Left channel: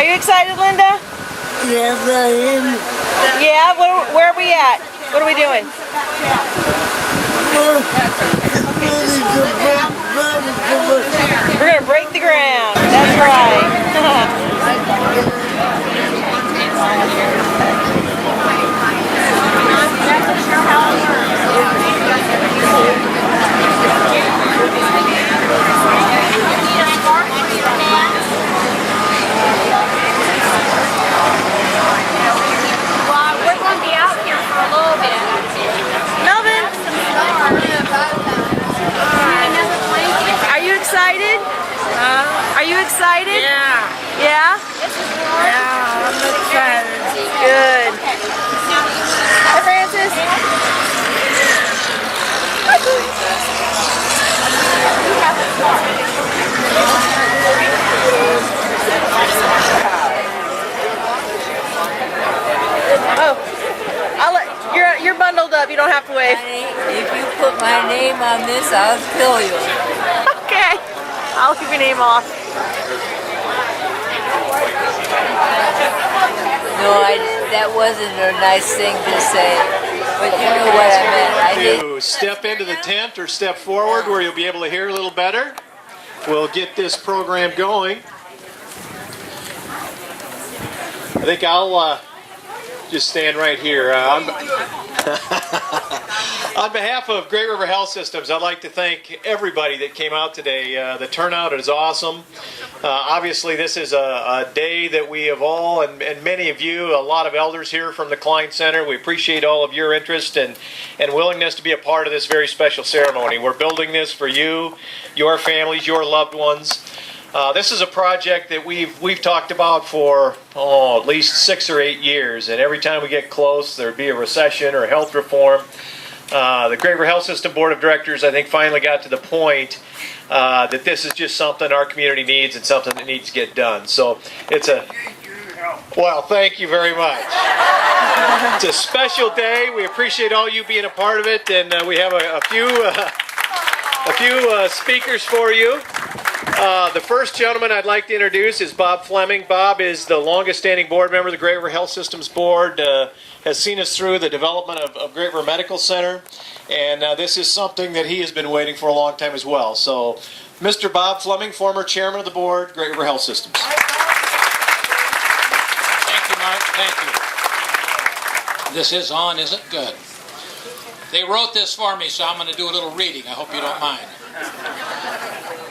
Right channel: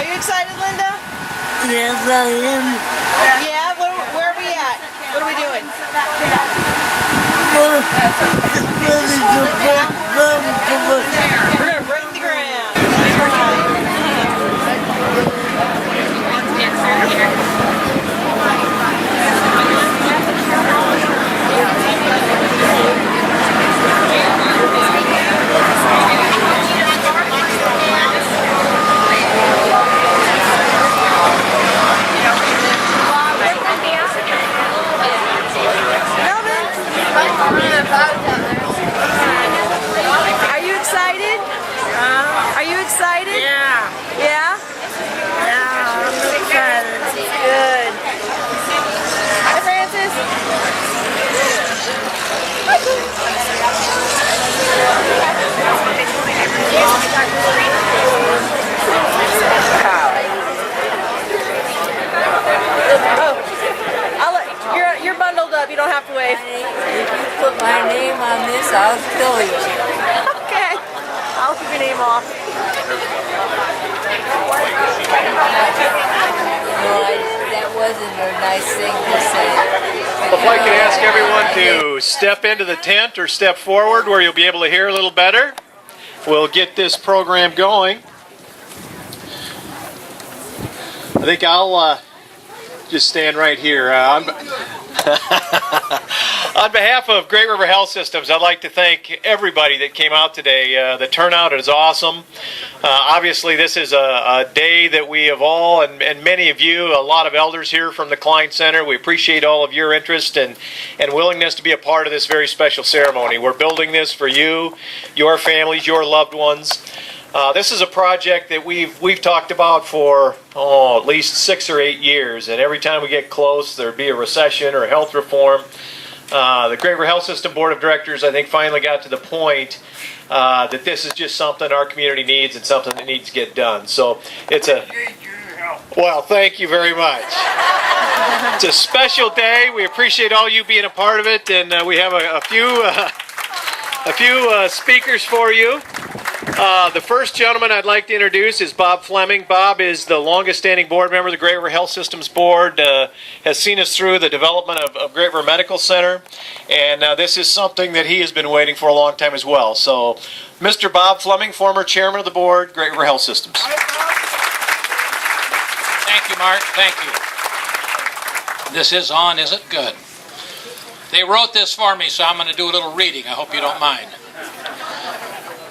Are you excited, Linda? Yes, I am. Yeah? Where are we at? What are we doing? We're going to break the ground. That's Are you excited? Are you excited? Yeah. Yeah? Yeah, I'm excited. Good. Hi, Francis. Hi, you're bundled up. You don't have to wave. Honey, if you put my name on this, I'll kill you. Okay. I'll keep your name off. No, that wasn't a nice thing to say. I'd like to ask everyone to step into the tent or step forward where you'll be able to hear a little better. We'll get this program going. I think I'll just stand right here. On behalf of Great River Health Systems, I'd like to thank everybody that came out today. The turnout is awesome. Obviously, this is a day that we have all, and many of you, a lot of elders here from the Klein Center, we appreciate all of your interest and willingness to be a part of this very special ceremony. We're building this for you, your families, your loved ones. This is a project that we've talked about for at least 6 or 8 years, and every time we get close, there'd be a recession or a health reform. The Great River Health System Board of Directors, I think, finally got to the point that this is just something our community needs and something that needs to get done. So it's well, thank you very much. It's a special day. We appreciate all you being a part of it, and we have a few speakers for you. The first gentleman I'd like to introduce is Bob Fleming. Bob is the longest-standing board member of the Great River Health Systems Board, has seen us through the development of Great River Medical Center, and this is something that he has been waiting for a long time as well. So, Mr. Bob Fleming, former chairman of the board, Great River Health Systems. Thank you, Mark. Thank you. This is on, is it? Good. They wrote this for me, so I'm going to do a little reading. I hope you don't mind.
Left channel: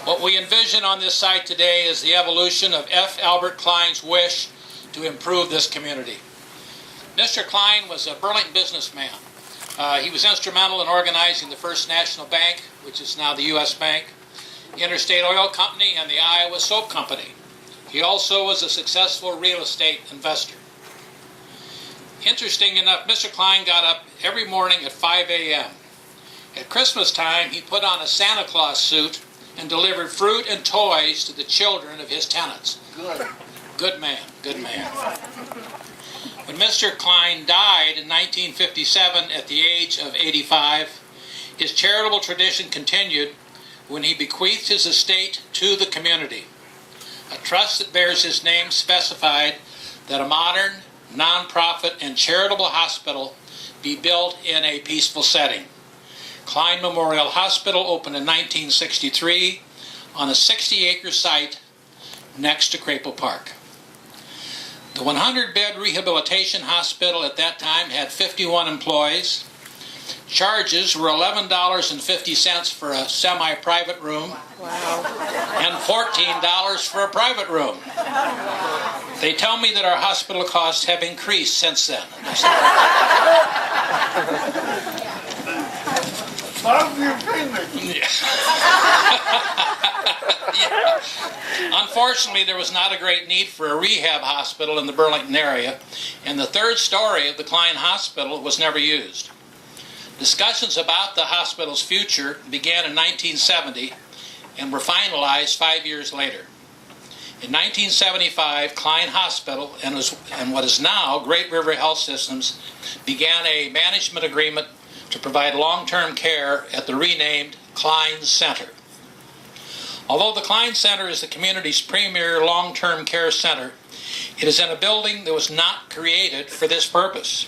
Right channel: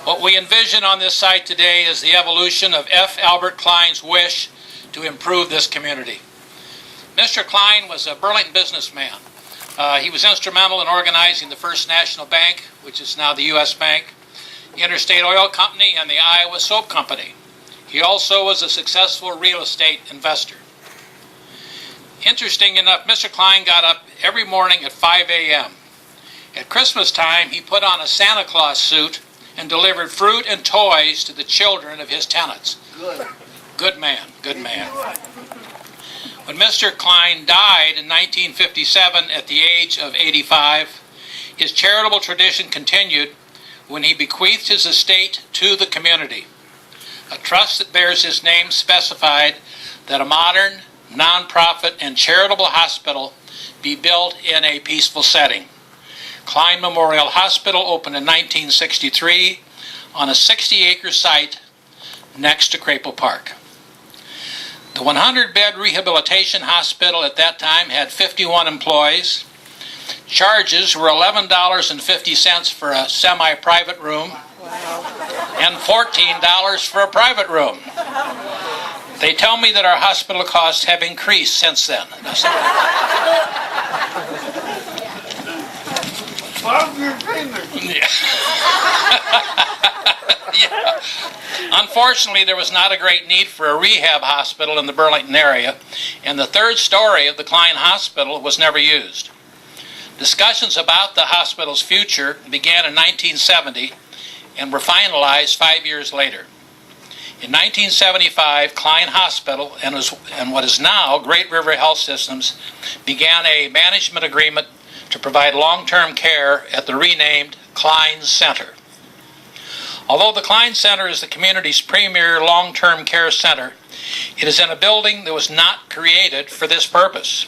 What we envision on this site today is the evolution of F. Albert Klein's wish to improve this community. Mr. Klein was a Burlington businessman. He was instrumental in organizing the First National Bank, which is now the U.S. Bank, the Interstate Oil Company, and the Iowa Soap Company. He also was a successful real estate investor. Interesting enough, Mr. Klein got up every morning at 5 a.m. At Christmas time, he put on a Santa Claus suit and delivered fruit and toys to the children of his tenants. Good man, good man. When Mr. Klein died in 1957 at the age of 85, his charitable tradition continued when he bequeathed his estate to the community. A trust that bears his name specified that a modern, nonprofit, and charitable hospital be built in a peaceful setting. Klein Memorial Hospital opened in 1963 on a 60-acre site next to Crapel Park. The 100-bed rehabilitation hospital at that time had 51 employees. Charges were $11.50 for a semi-private room. Wow. And $14 for a private room. They tell me that our hospital costs have increased since then. Yeah. Unfortunately, there was not a great need for a rehab hospital in the Burlington area, and the third story of the Klein Hospital was never used. Discussions about the hospital's future began in 1970 and were finalized 5 years later. In 1975, Klein Hospital and what is now Great River Health Systems began a management agreement to provide long-term care at the renamed Klein Center. Although the Klein Center is the community's premier long-term care center, It is in a building that was not created for this purpose.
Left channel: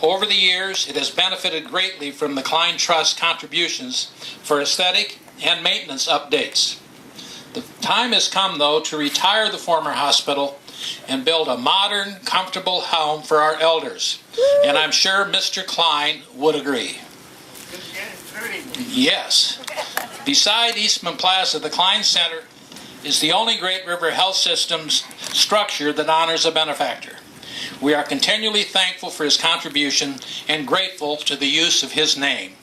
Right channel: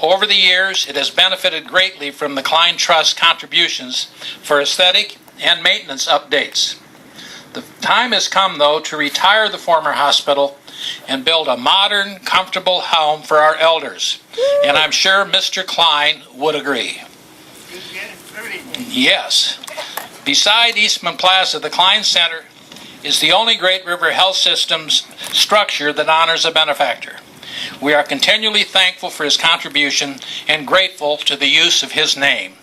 Over the years, it has benefited greatly from the Klein Trust contributions for aesthetic and maintenance updates. The time has come, though, to retire the former hospital and build a modern, comfortable home for our elders. And I'm sure Mr. Klein would agree. Yes. Beside Eastman Plaza, the Klein Center is the only Great River Health Systems structure that honors a benefactor. We are continually thankful for his contribution and grateful to the use of his name.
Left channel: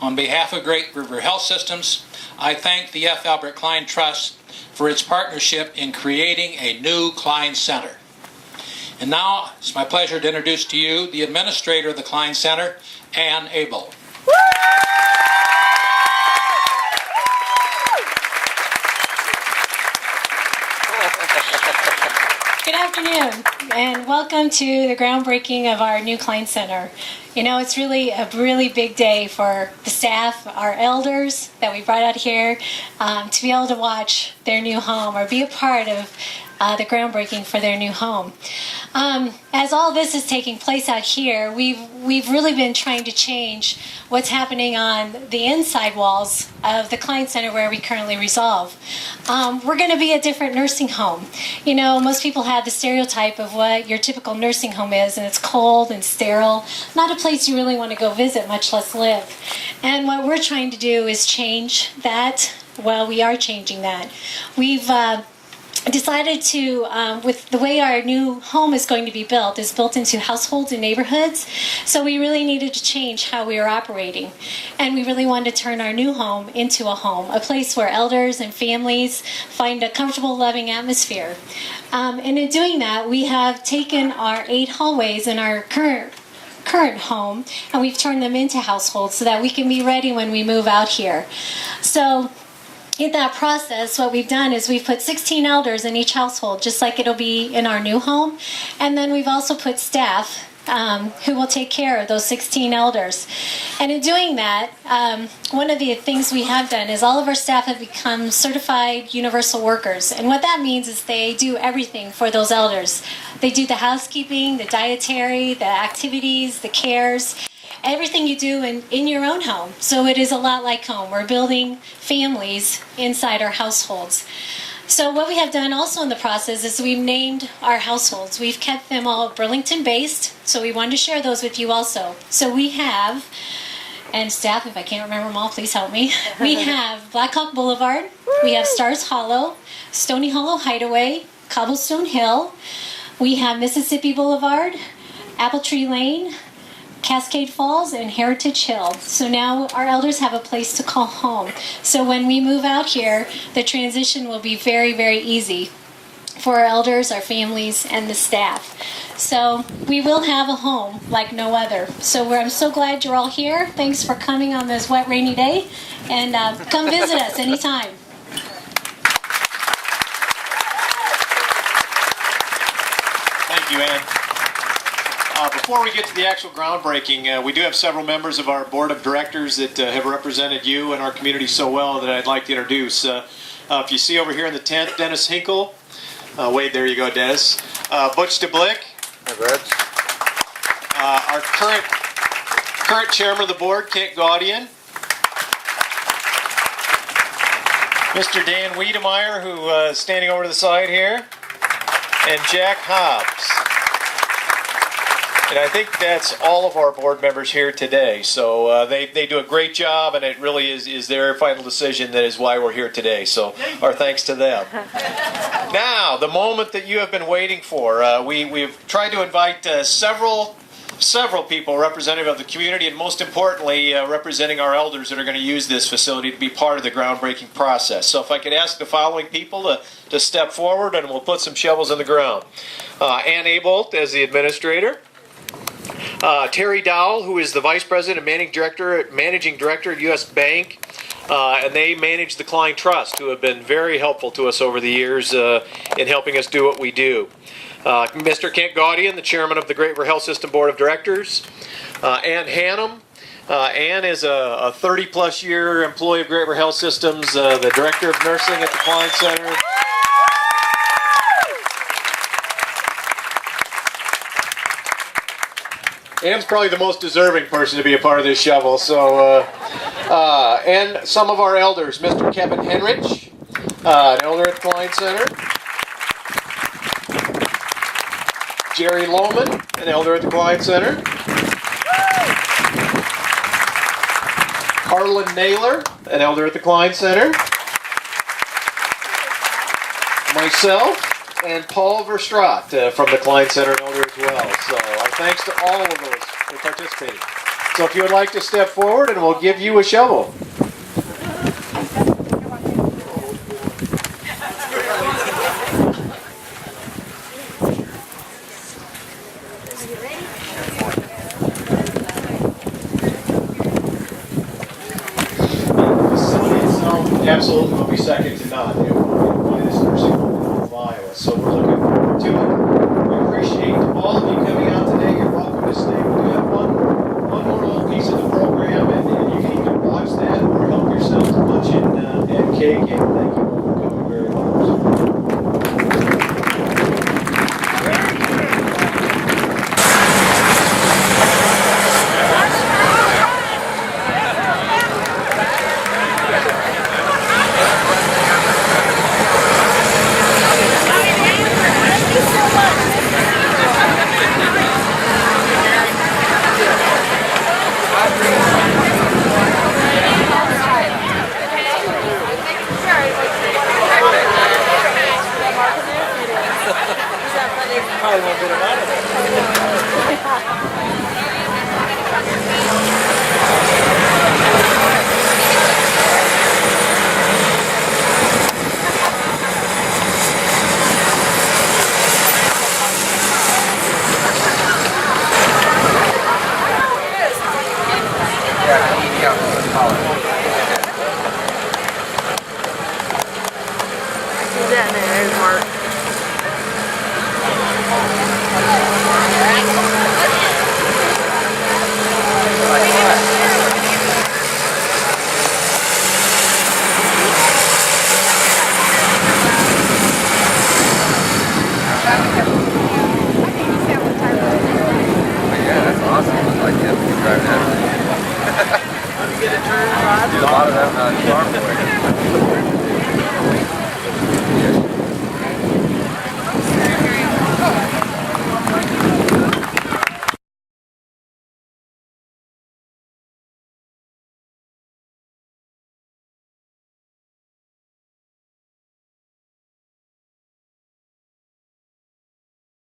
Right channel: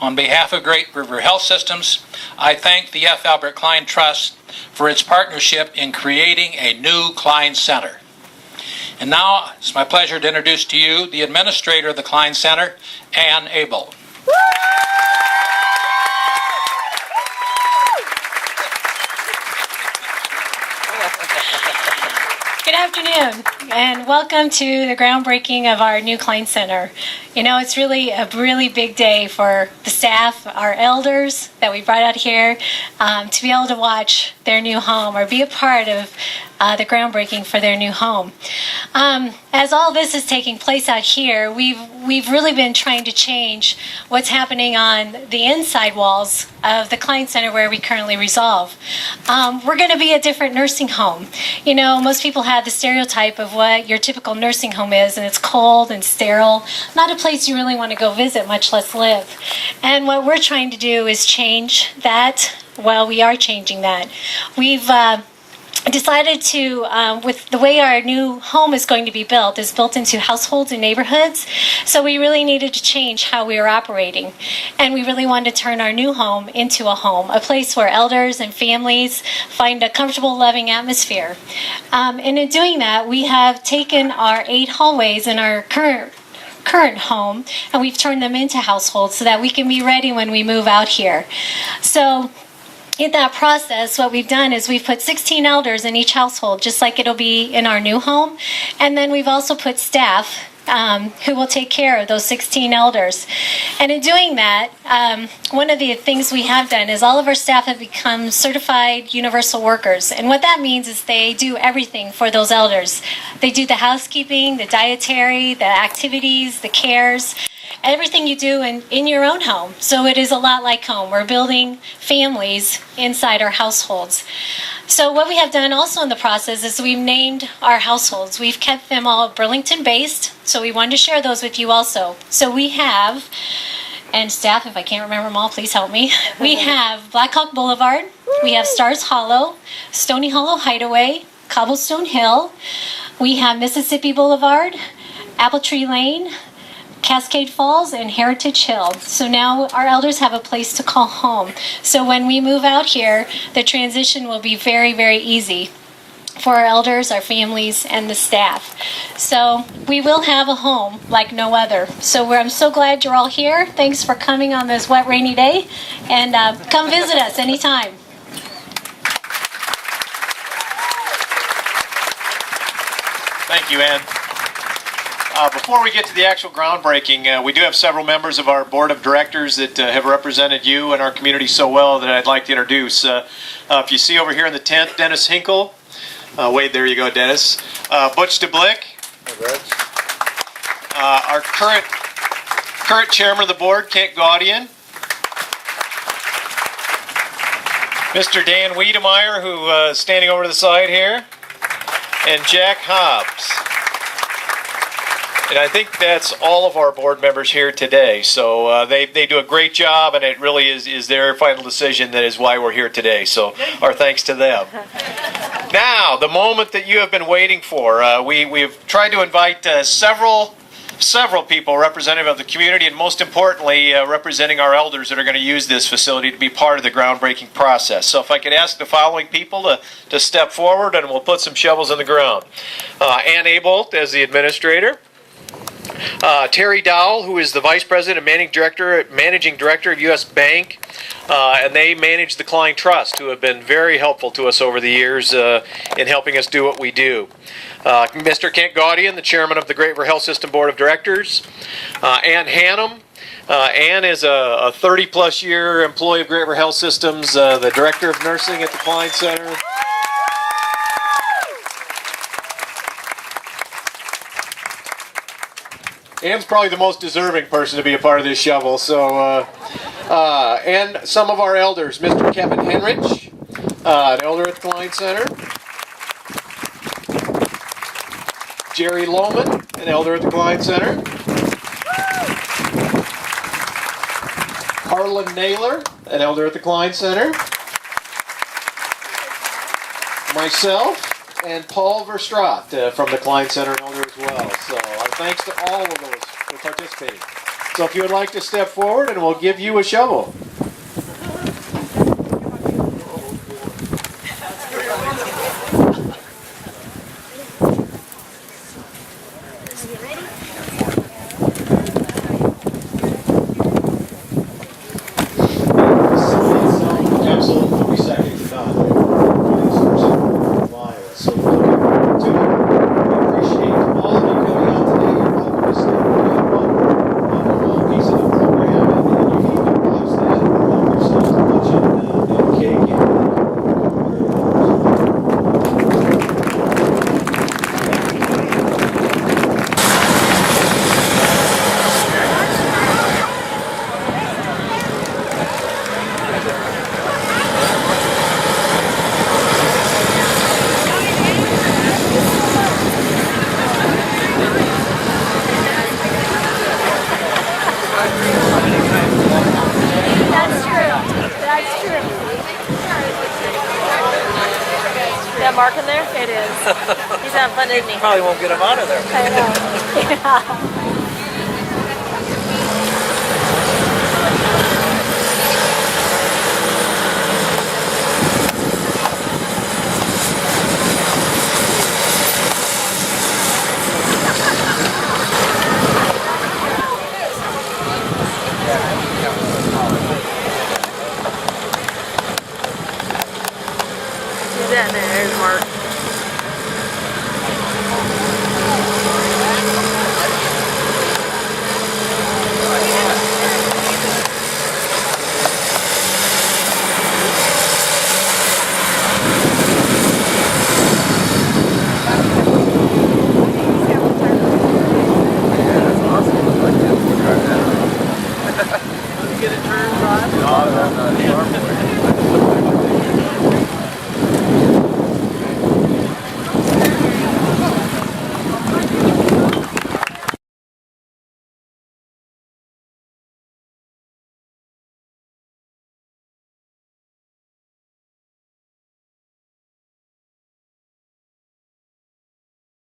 On behalf of Great River Health Systems, I thank the F. Albert Klein Trust for its partnership in creating a new Klein Center. And now it's my pleasure to introduce to you the administrator of the Klein Center, Ann Abel. Good afternoon, and welcome to the groundbreaking of our new Klein Center. You know, it's really a really big day for the staff, our elders that we brought out here, to be able to watch their new home or be a part of the groundbreaking for their new home. As all this is taking place out here, we've really been trying to change what's happening on the inside walls of the Klein Center where we currently resolve. We're going to be a different nursing home. You know, most people have the stereotype of what your typical nursing home is, and it's cold and sterile, not a place you really want to go visit, much less live. And what we're trying to do is change that. Well, we are changing that. We've decided to, with the way our new home is going to be built, is built into households and neighborhoods. So we really needed to change how we were operating. And we really wanted to turn our new home into a home, a place where elders and families find a comfortable, loving atmosphere. And in doing that, we have taken our 8 hallways in our current home, and we've turned them into households so that we can be ready when we move out here. So in that process, what we've done is we've put 16 elders in each household, just like it'll be in our new home. And then we've also put staff who will take care of those 16 elders. And in doing that, one of the things we have done is all of our staff have become certified universal workers. And what that means is they do everything for those elders. They do the housekeeping, the dietary, the activities, the cares, everything you do in your own home. So it is a lot like home. We're building families inside our households. So what we have done also in the process is we've named our households. We've kept them all Burlington-based, so we wanted to share those with you also. So we have, and staff, if I can't remember them all, please help me. We have Blackhawk Boulevard, we have Stars Hollow, Stony Hollow Hideaway, Cobblestone Hill, we have Mississippi Boulevard, Apple Tree Lane, Cascade Falls, and Heritage Hill. So now our elders have a place to call home. So when we move out here, the transition will be very, very easy for our elders, our families, and the staff. So we will have a home like no other. So I'm so glad you're all here. Thanks for coming on this wet, rainy day, and come visit us anytime. Thank you, Ann. Before we get to the actual groundbreaking, we do have several members of our board of directors that have represented you and our community so well that I'd like to introduce. If you see over here in the tent, Dennis Hinkle. Wade, there you go, Dennis. Butch DeBlick. Our current chairman of the board, Kent Gaudian. Mr. Dan Wiedemeyer, who is standing over to the side here. And Jack Hobbs. And I think that's all of our board members here today. So they do a great job, and it really is their final decision that is why we're here today. So our thanks to them. Now, the moment that you have been waiting for. We've tried to invite several people representative of the community, and most importantly, representing our elders that are going to use this facility to be part of the groundbreaking process. So if I could ask the following people to step forward, and we'll put some shovels in the ground. Ann Abolt as the administrator. Terry Dowell, who is the Vice President and Managing Director of U.S. Bank, and they manage the Klein Trust, who have been very helpful to us over the years in helping us do what we do. Mr. Kent Gaudian, the Chairman of the Great River Health System Board of Directors. Ann Hannum. Ann is a 30-plus year employee of Great River Health Systems, the Director of Nursing at the Klein Center. Ann's probably the most deserving person to be a part of this shovel. So, and some of our elders, Mr. Kevin Henrich, an elder at Klein Center. Jerry Lohman, an elder at the Klein Center. Harlan Naylor, an elder at the Klein Center. Myself, and Paul Verstraat from the Klein Center, an elder as well. So our thanks to all of those for participating. So if you would like to step forward, and we'll give you a shovel. Absolutely will be second to none. We're one this person out of Iowa. So we're looking forward to it. We appreciate all of you coming out today. You're welcome to stay. We have one more little piece of the program, and you can either watch that or help yourself to punch in cake, and you're welcome to come very much. Probably won't get him out of there. I know. Who's that there? There's Mark. Get a turn, Rod? No, you are. I just took a picture.